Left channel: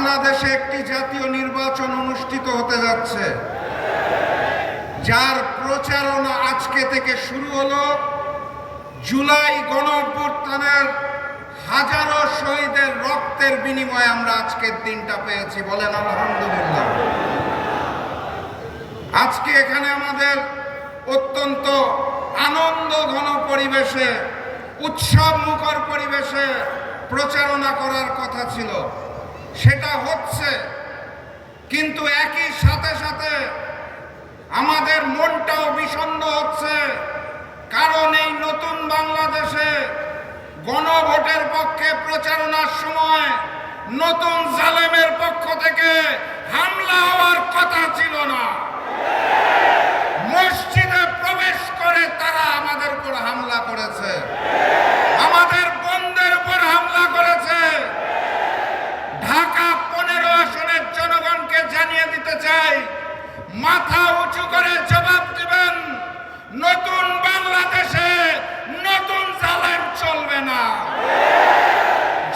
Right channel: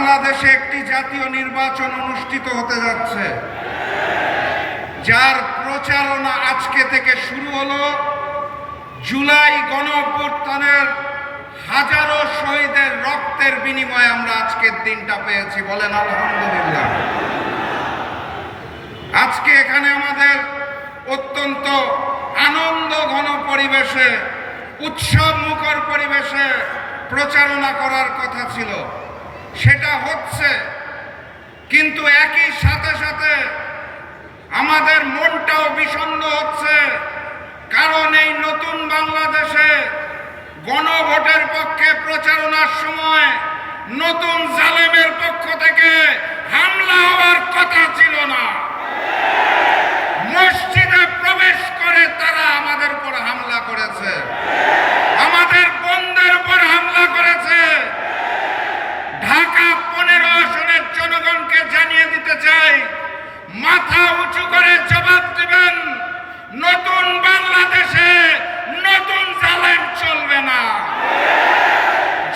বাংলাদেশে একটি জাতীয় নির্বাচন অনুষ্ঠিত হতে যাচ্ছে। যার প্রচারণা আজকে থেকে শুরু হলো। জুলাই গণঅভ্যুত্থানের হাজারো শহীদের রক্তের বিনিময়ে আমরা আজকের দিনটা পেয়েছি বলেন আলহামদুলিল্লাহ। আজকে এখানে আমাদের অত্যন্ত আনন্দ ঘন পরিবেশে উৎসব মুখর পরিবেশে প্রচারণা করার কথা ছিল। সেটা হচ্ছে, কিন্তু একই সাথে সাথে আমাদের মনটাও বিষণ্ন হচ্ছে, কারণ এই নতুন বাংলাদেশে গণভোটের পক্ষে প্রচারণার সময় নতুন জালেমের পক্ষ থেকে হামলা হওয়ার কথা ছিল না মসজিদে প্রবেশ করে তারা আমাদের উপর হামলা করেছে আমাদের বন্ধের উপর হামলা করেছে ঢাকা পনেরো আসনের জনগণকে জানিয়ে দিতে চাই মাথা উঁচু করে জবাব দেবেন, নতুন বাংলাদেশে নতুন জালেম চলবে না।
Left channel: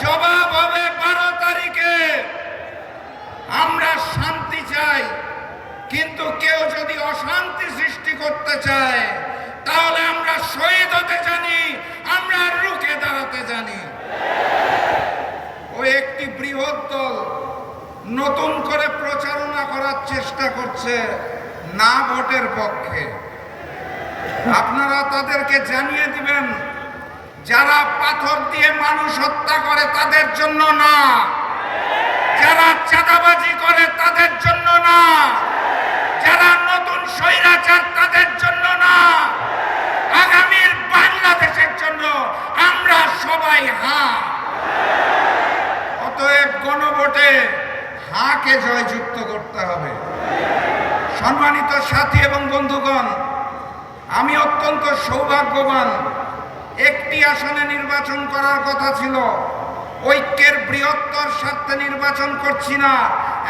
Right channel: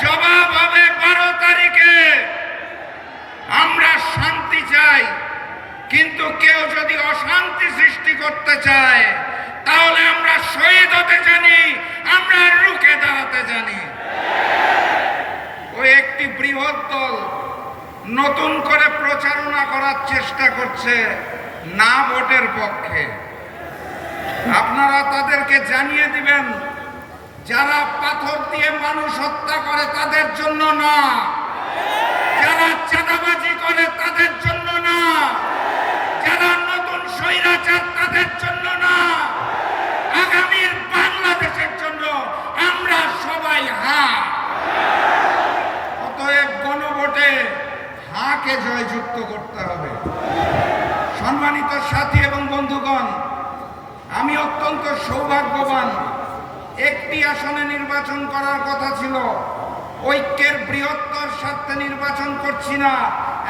জবাব হবে বারো তারিখে। আমরা শান্তি চাই, কিন্তু কেউ যদি অশান্তি সৃষ্টি করতে চায়, তাহলে আমরা শহীদ হতে জানি, আমরা রুখে দাঁড়াতে জানি। ও একটি বৃহৎ দল নতুন করে প্রচারণা করার চেষ্টা করছে না ভোটের পক্ষে। আপনারা তাদেরকে জানিয়ে দিবেন, যারা পাথর দিয়ে মানুষ হত্যা করে তাদের জন্য না। যারা চাঁদাবাজি করে তাদের জন্য না। যারা নতুন স্বৈরাচার তাদের জন্য না। আগামীর বাংলাদেশের জন্য আমরা সবাই হাঁ। অতএব গণভোটে হাঁকে জয়যুক্ত করতে হবে। সম্মানিত সাথী এবং বন্ধুগণ, আমি অত্যন্ত সৌভাগ্যবান। একটি আসনে নির্বাচন করার কথা ছিল। ঐক্যের বৃহত্তর স্বার্থে নির্বাচন করছি না।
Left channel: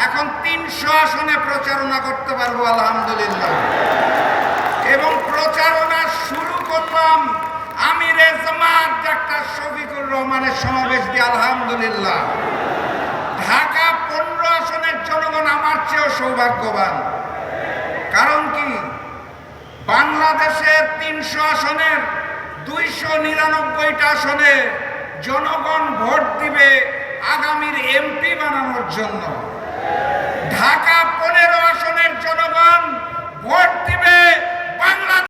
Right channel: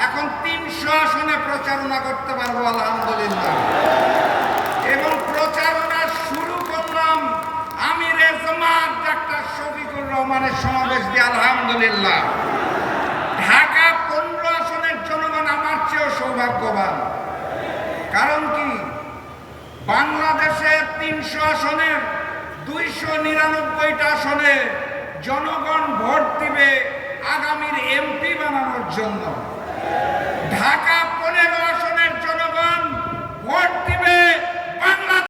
এখন তিনশো আসনে প্রচারণা করতে পারব, আলহামদুলিল্লাহ। এবং প্রচারণা শুরু করলাম আমি ডাক্তার শফিকুর রহমানের সমাবেশ দিয়ে, আলহামদুলিল্লাহ। ঢাকা পনেরো আসনের জনগণ আমার চেয়েও সৌভাগ্যবান। কারণ কি? বাংলাদেশে তিনশো আসনের, দুইশো নিরানব্বইটা আসনে জনগণ ভোট দিবে আগামীর এমপি বানানোর জন্য। ঢাকা